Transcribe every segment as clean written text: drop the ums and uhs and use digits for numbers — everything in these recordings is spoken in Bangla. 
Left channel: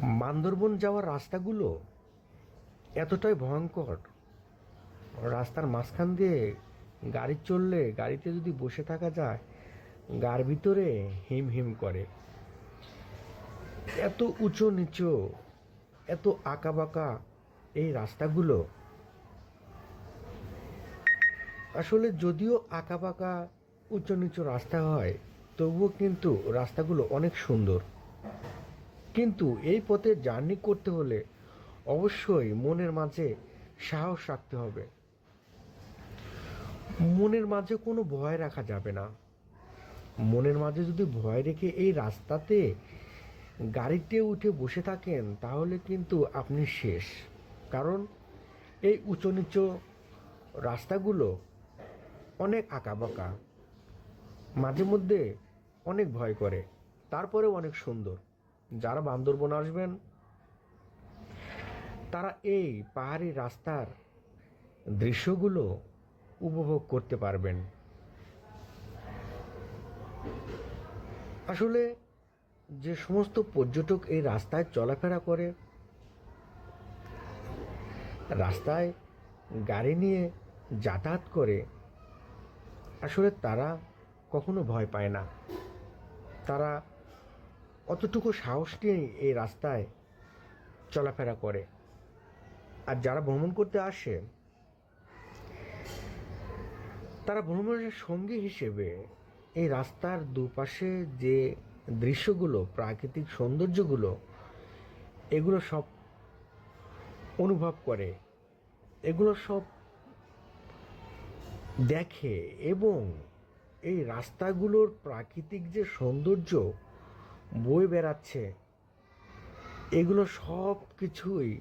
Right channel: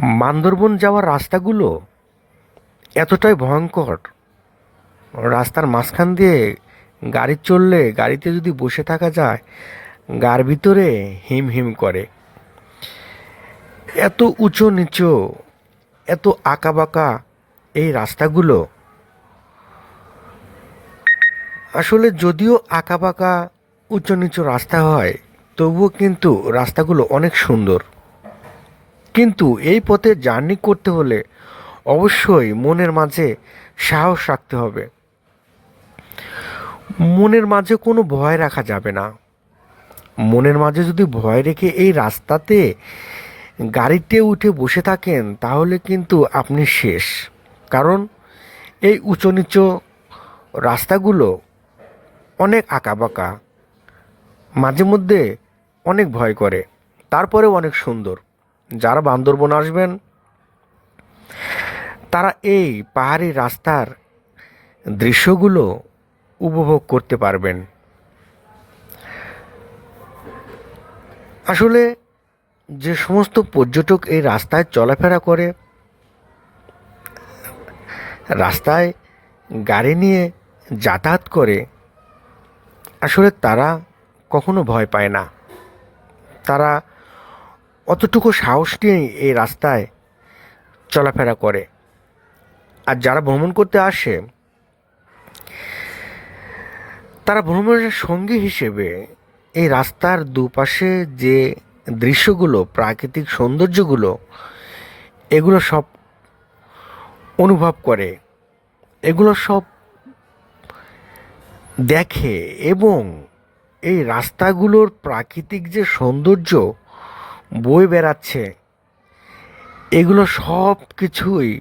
বান্দরবন যাওয়ার রাস্তাগুলো এতটাই ভয়ঙ্কর। রাস্তার মাঝখান দিয়ে গাড়ি চললে, গাড়িতে যদি বসে থাকা যায়, গার ভিতরে হিম হিম করে। এত উঁচু নিচু, এত আঁকাবাঁকা এই রাস্তাগুলো। আসলে যদিও আঁকাবাঁকা উঁচু নিচু রাস্তা হয়, তবুও কিন্তু রাস্তাগুলো অনেক সুন্দর। কিন্তু এই পথে জার্নি করতে হলে অবশ্যই মনের মাঝে সাহস রাখতে হবে। মনের মাঝে কোনো ভয় রাখা যাবে না। মনের মাঝে যদি ভয় রেখে এই রাস্তাতে গাড়িতে উঠে বসে থাকেন, তাহলে কিন্তু আপনি শেষ। কারণ এই উঁচু নিচু রাস্তাগুলো অনেক আঁকাবাঁকা, মাঝে মধ্যে অনেক ভয় করে, তারপরেও অনেক সুন্দর। যারা বান্দরবন আসবেন, তারা এই পাহাড়ি রাস্তার দৃশ্যগুলো উপভোগ করতে পারবেন। আসলে যে সমস্ত পর্যটক এই রাস্তায় চলাফেরা করে, রাস্তায় গাড়ি নিয়ে যাতায়াত করে, আসলে তারা কখনো ভয় পায় না। তারা অতটুকু সাহস নিয়েই এই রাস্তায় চলাফেরা করে। আর যারা ভ্রমণ করতে আসে, তারা ভ্রমণের সঙ্গী হিসেবে এই রাস্তার দুপাশে যে দৃশ্যগুলো, প্রাকৃতিক সৌন্দর্যগুলো, এগুলো সব অনুভব করে, এগুলো সব দেখে। এবং এই রাস্তাগুলোর প্রাকৃতিক যে সৌন্দর্য বয়ে বেড়াচ্ছে, এগুলো সব কিছুই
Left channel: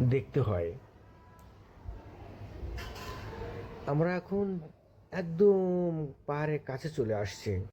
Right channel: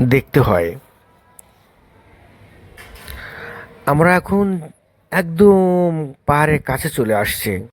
দেখতে হয়। আমরা এখন একদম পাহাড়ের কাছে চলে আসছি।